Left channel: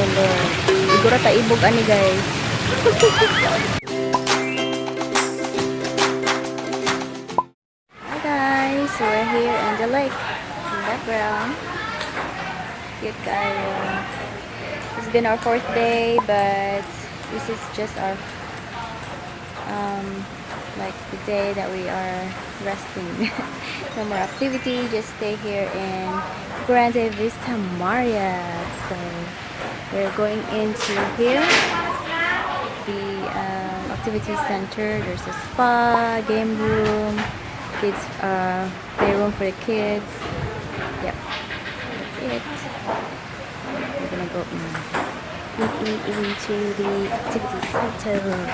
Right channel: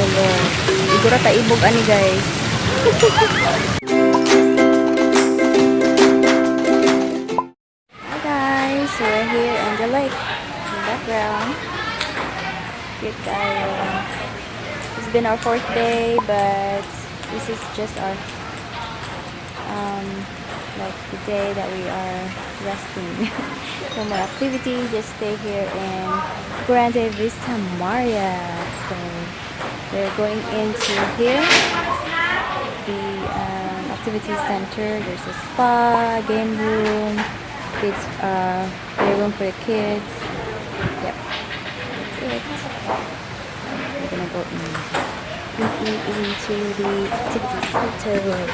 ko Lord. Siguro taibog ani guys. Hi guys, we're here in the lake. In the background. Cute kayo. It's been our 4th day, but this is just our like the day that we are resting. No more activity, just stay here in Grande Vista Marriott. So we're going into here, the activity center. There's a spa, game room, kids playroom for the kids. Yep, that's it. We're gonna go into the activity center.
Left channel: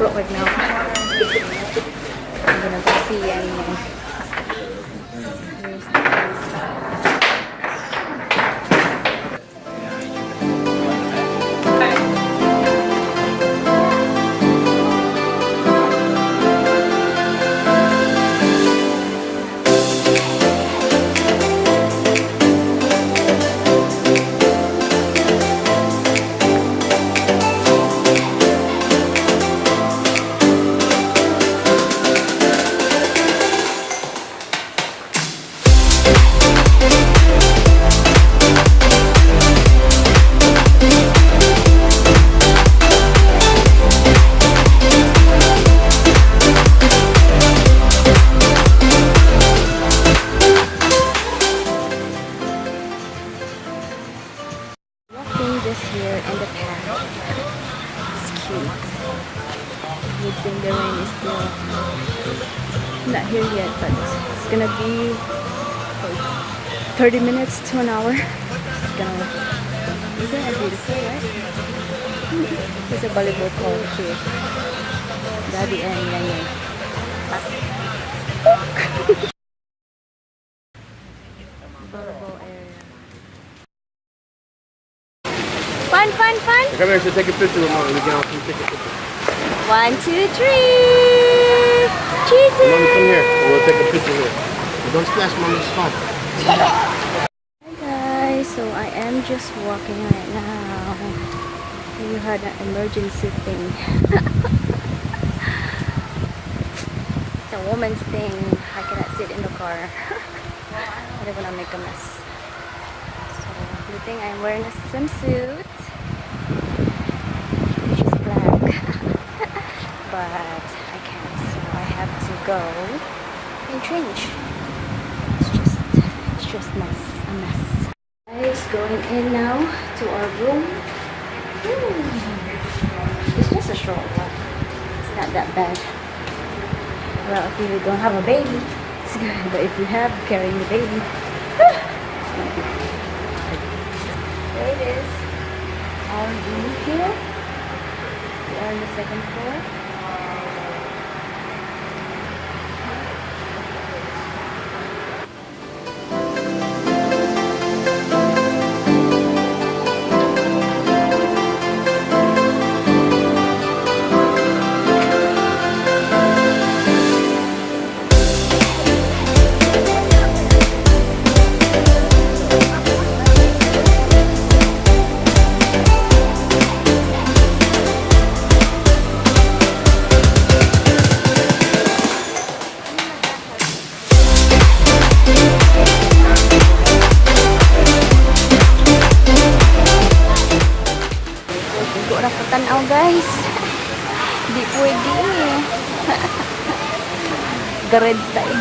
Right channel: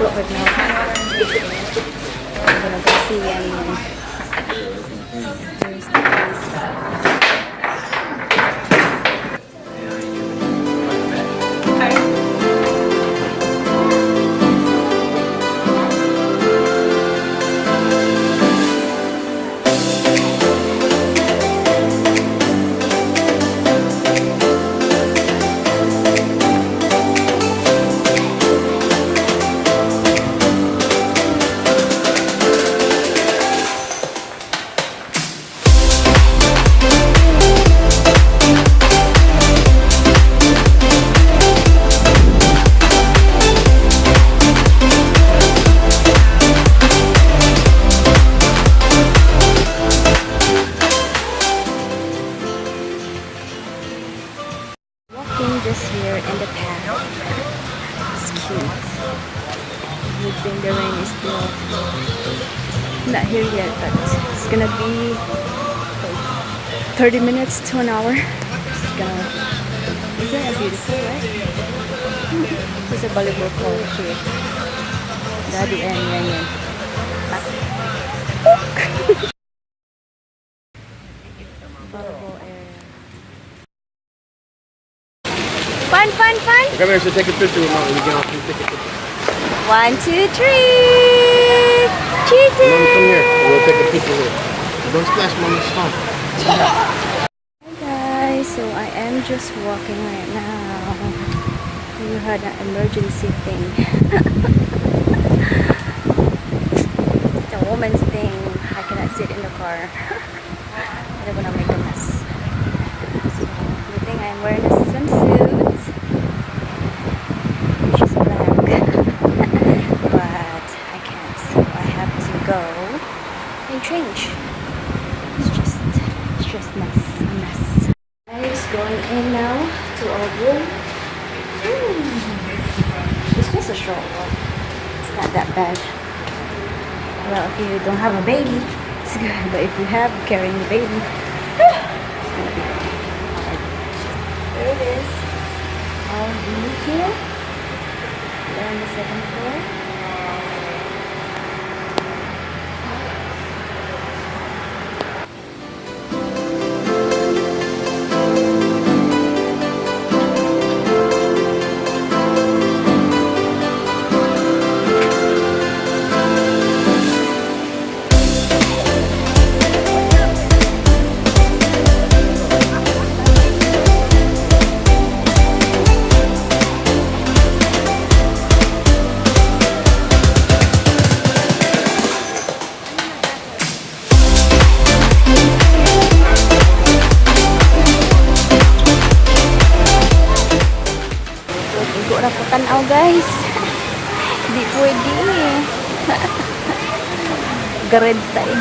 Right now. I'm gonna go see and here's the place. Just here in the path. It's cute. Good thing the rain is still not here yet, but it's gonna be 30 minutes to an hour. It's gonna. Isn't it beautiful, right? There's a volleyball court here. Daddy and Yan. Volleyball area. Fun. Come here, so take a picture with mommy. We can all take a picture. 1, 2, 3. Cheese. Mommy, come here. We'll take a picture here. Don't splash mommy's phone. Hi guys, so I am just walking right now. You had an emergency thing. It's a woman's thing. I cannot sit in the car. I don't want to make a mess. So, good thing I'm wearing a swimsuit. Which is black. But I can't, so I have to go and change. It's just a mess. Guys, going in now to our room. It's just a short walk. It's not that bad. Well, if you don't have a baby, it's good. But if you have carrying the baby, it's gonna be hard. There it is. Our room here. We're on the 2nd floor. Tanaw guys. Di pwede eh. Gared taid.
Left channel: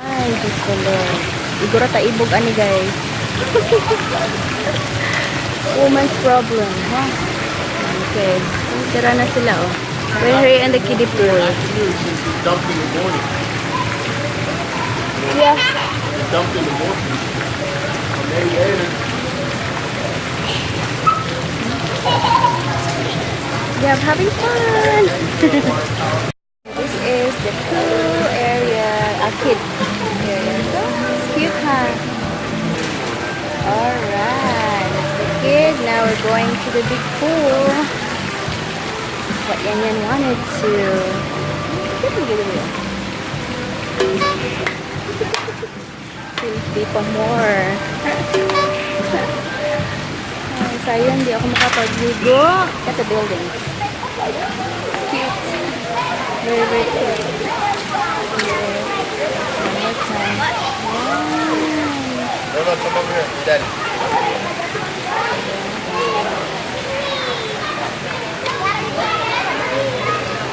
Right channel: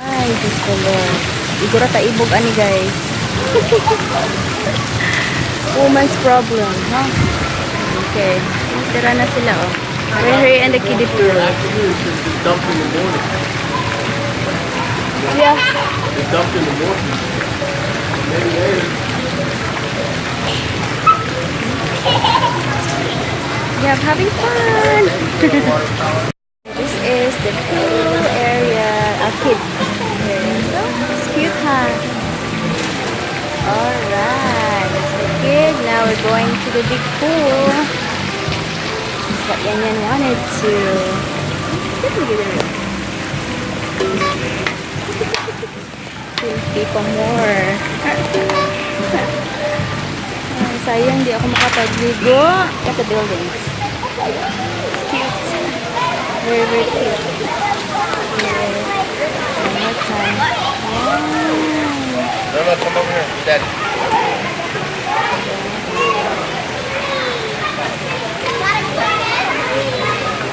Ay, Diyos ko Lord. Siguro taibog ani guys. Woman's problem, huh? Okay. Tira na sila, oh. We're here in the kiddie pool. Dumped in the morning. Yeah. It's dumped in the morning. Yeah, I'm having fun. This is the pool area, a kid Huh. Alright, that's the kid. Now we're going to the big pool. That's what Yan Yan wanted to. Selfie pa more. Ay, sayang, di ako makapagligo. At the buildings. It's cute. Very, very cute. Yeah. One more time. Wow. No, come over here, Daddy.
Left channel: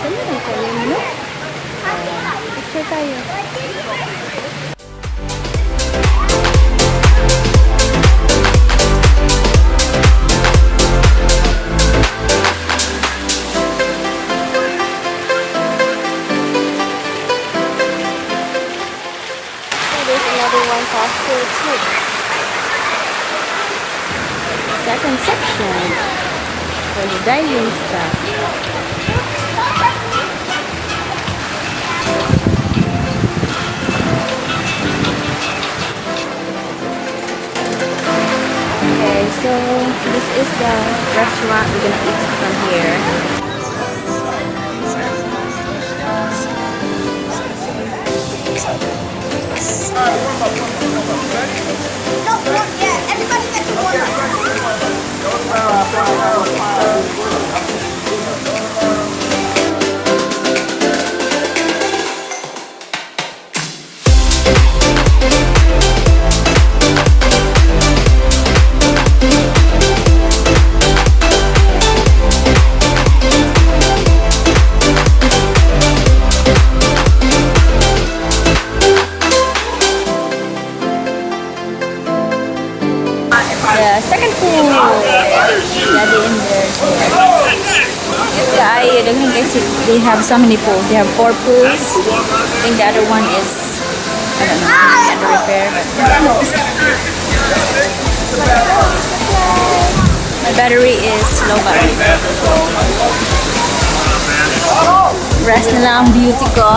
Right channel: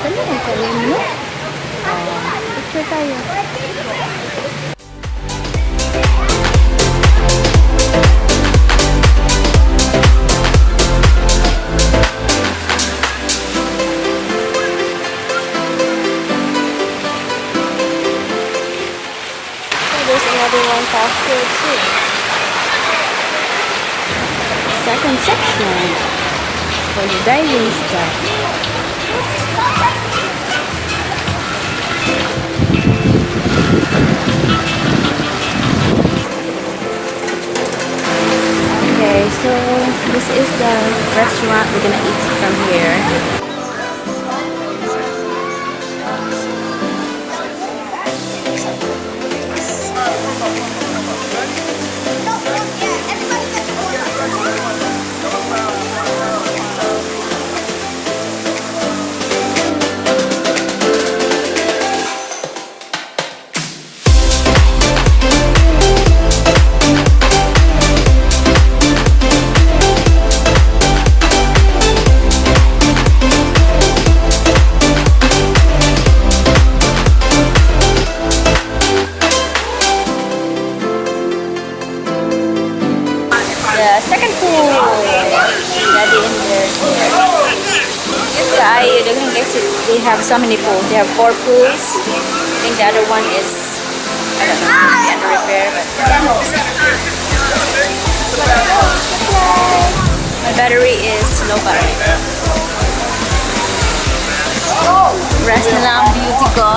Ganda ng talim, no? Picture tayo. There's another one faster too. Second section for the diving stuff. Okay, so this is the restaurant we're gonna eat from here. No, yeah, everybody gets The second pool. Daddy in there. They have so many pools. They have 4 pools. I think the other one is, I don't know, under repair. But my battery is low battery. Rest na lang ang beauty ko.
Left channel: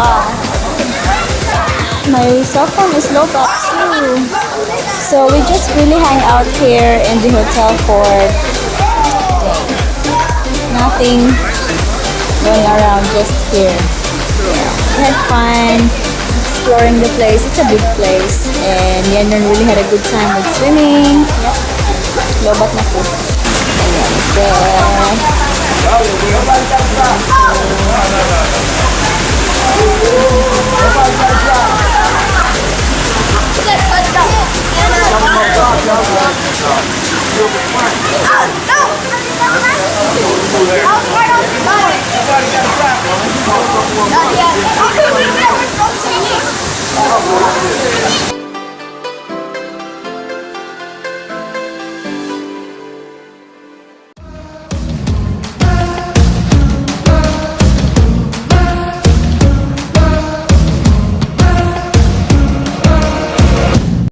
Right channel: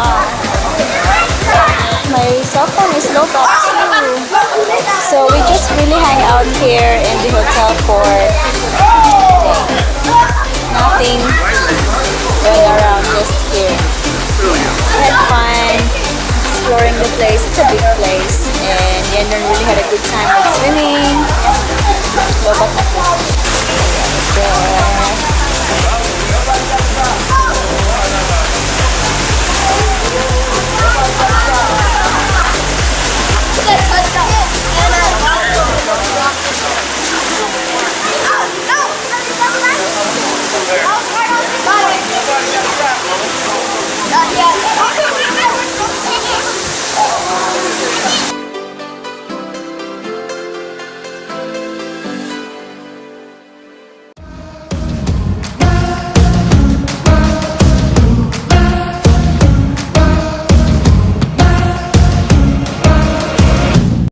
My cell phone is low bat too. So we just really hang out here in the hotel for a day. Nothing going around, just here. We had fun exploring the place. It's a big place. And Yenon really had a good time with swimming. Low bat na po.